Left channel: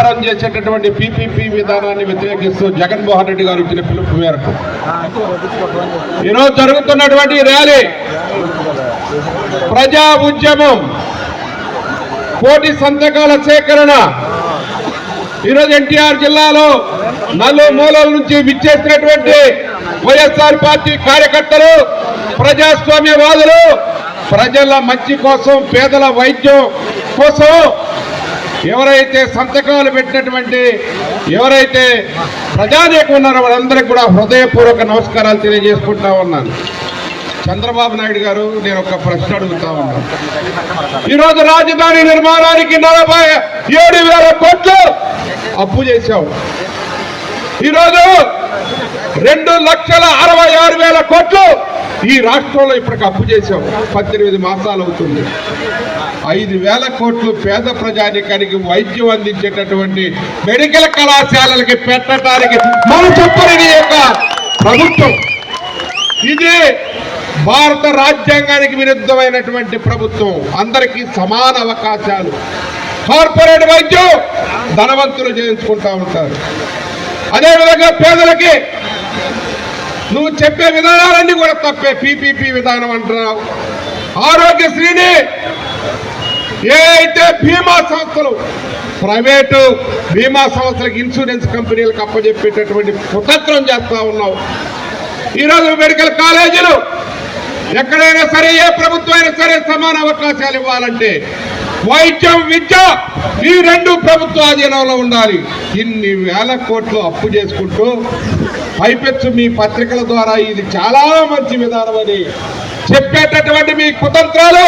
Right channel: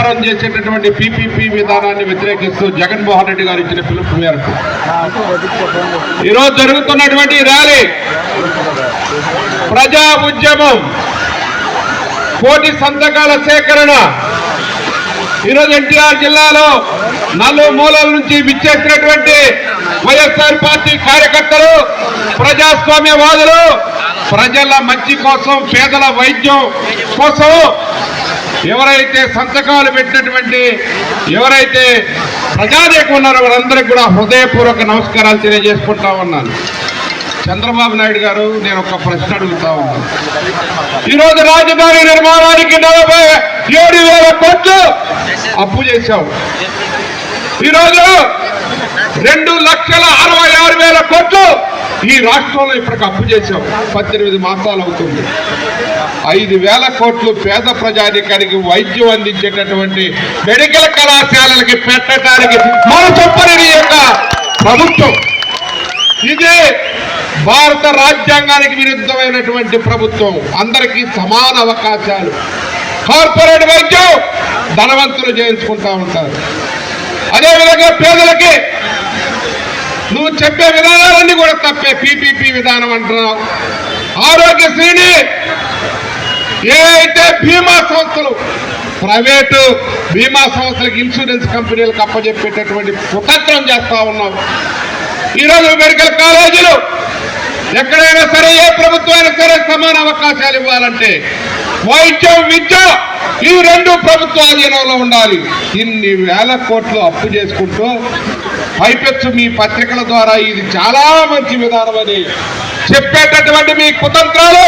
వ్యాపారం చేసేటటువంటి పీపీపీ విధానాన్ని వ్యతిరేకిస్తూ జగన్మోహన్ రెడ్డి గారు ఇచ్చిన పిలుపు మేరకు. ఈరోజు జరుగుతున్నటువంటి ర్యాలీ ప్రజా ఉద్యమం కోటి సంతకాల సేకరణ. ఈరోజు ఎన్టీఆర్ జిల్లాలో నలు మూలల నుంచి విచ్చేసినటువంటి వైఎస్ఆర్ పార్టీ కార్యకర్తలు ప్రజాస్వామ్యవాదులు ప్రజల మంచి కోసం పేదల వైద్యం కోసం ఎవరైతే సంతకాలు పెట్టినటువంటి ఎవరైతే ప్రజానేకం ఉన్నారో వాళ్ళందరికీ కూడా హృదయపూర్వక నమస్కారాలు తెలియజేసుకుంటా ఉన్నాను. చంద్రబాబు నాయుడు గారు నేను ఒక ప్రశ్న అడుగుతా ఉన్నాను. ఈరోజు రాజధాని నిర్మాణానికి నలభై ఏడు వేల కోట్లు అప్పు చేశావు. ఈరోజు రెండు లక్షల అరవై ఆరు వేల కోట్లు ఈ రాష్ట్రంలో ఇప్పటికి అప్పు చేశాం. పద్దెనిమిది మాసాలు అవుతుంది. ఐదు వేల కోట్లు పేద ప్రజానికానికి వైద్యం అందించేటటువంటి మెడికల్ కళాశాలలకి పెట్టడానికి మన చొప్పని యొక్క ప్రభుత్వం. ఇది భారత రాజ్యాంగానికి విరుద్ధమైనటువంటి ప్రభుత్వం. అందరికీ సమాన అవకాశాలు. కార్పొరేట్ వైద్యం ధనవంతులు చేయించుకుంటా ఉంటారు. అదేవిధంగా పేదలకి నువ్వు చెప్పే విధానాలన్నీ కూడా తప్పే. పీపీపీ విధానం అంటున్నావు. ఆరోగ్యశ్రీని ఏవైతే బీమా సంస్థలు ప్రైవేటు బీమా సంస్థలకు ఇన్సూరెన్స్ కంపెనీలకు అప్పచెప్పేటటువంటి కుటత్వం చేస్తా ఉన్నావు. ఈరోజు మెడికల్ కాలేజీలు ఎక్కడైనా సరే ఏ ప్రభుత్వమైనా సరే సమాన అవకాశాలు ఇవ్వాలంటే వైద్యం విద్య ఈ రెండు ప్రభుత్వ ఆధీనంలో ఉండాలి. ఇన్ని వేల కోట్లు అప్పు చేసుకుంటూ పైపెచ్చు మీ పత్రికల ద్వారా. ఇది చాలా మంచి విధానం అని చెప్పేటటువంటి మీ కుతంత్రాలు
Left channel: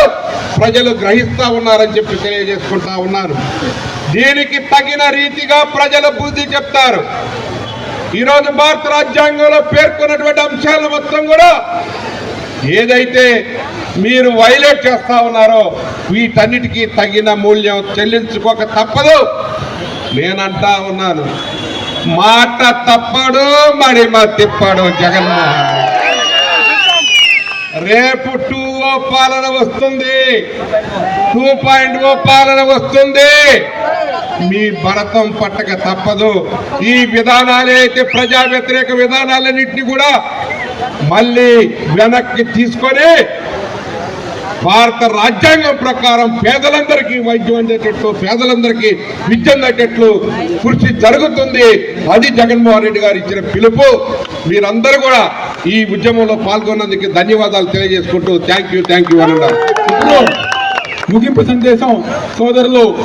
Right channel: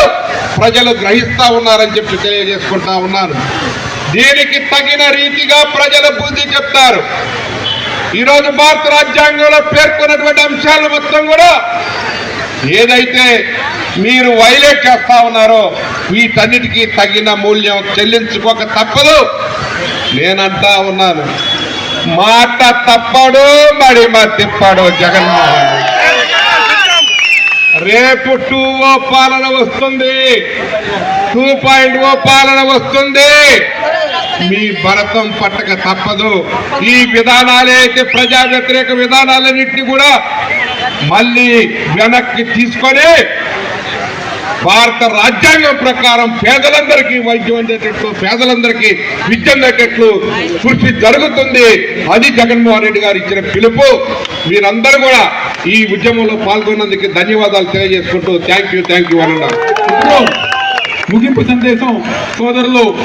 ప్రజలు గ్రహిస్తూ ఉన్నారని చెప్పి తెలియజేసుకుంటా ఉన్నాను. దీనికి తగిన రీతిగా ప్రజల బుద్ధి చెప్తారు. ఈరోజు భారత రాజ్యాంగంలో పేర్కొన్నటువంటి అంశాలు మొత్తం కూడా ఏదైతే మీరు వైలేట్ చేస్తా ఉన్నారో వీటన్నిటికీ తగిన మూల్యం చెల్లించుకోక తప్పదు. నేనంటా ఉన్నాను. మాట తప్పడు మరి మా తిప్పాడు జగన్మోహన్ రేపు టూ ఓ పాలన వస్తుంది. టూ పాయింట్ ఓ పాలన వస్తుంది. మీ భరతం పట్టక తప్పదు. ఈ విధానాలే అయితే ప్రజా వ్యతిరేక విధానాలన్నింటినీ కూడా మళ్ళీ వెనక్కి తీసుకొని భారత రాజ్యాంగం ప్రకారం పేదలందరికీ వైద్యం అందేటట్లు పేదలందరికీ విద్య అందేటట్లు కృషి జరుగుతుంది. అది జగన్మోహన్ రెడ్డి గారు ఇచ్చిన పిలుపు. మీరందరూ కూడా ఈ ఉద్యమంలో పాల్గొన్నందుకు ధన్యవాదాలు తెలియజేసుకుంటూ థ్యాంక్ యూ థ్యాంక్ యూ అన్నారు ముగింపు సందేశం సోదరులు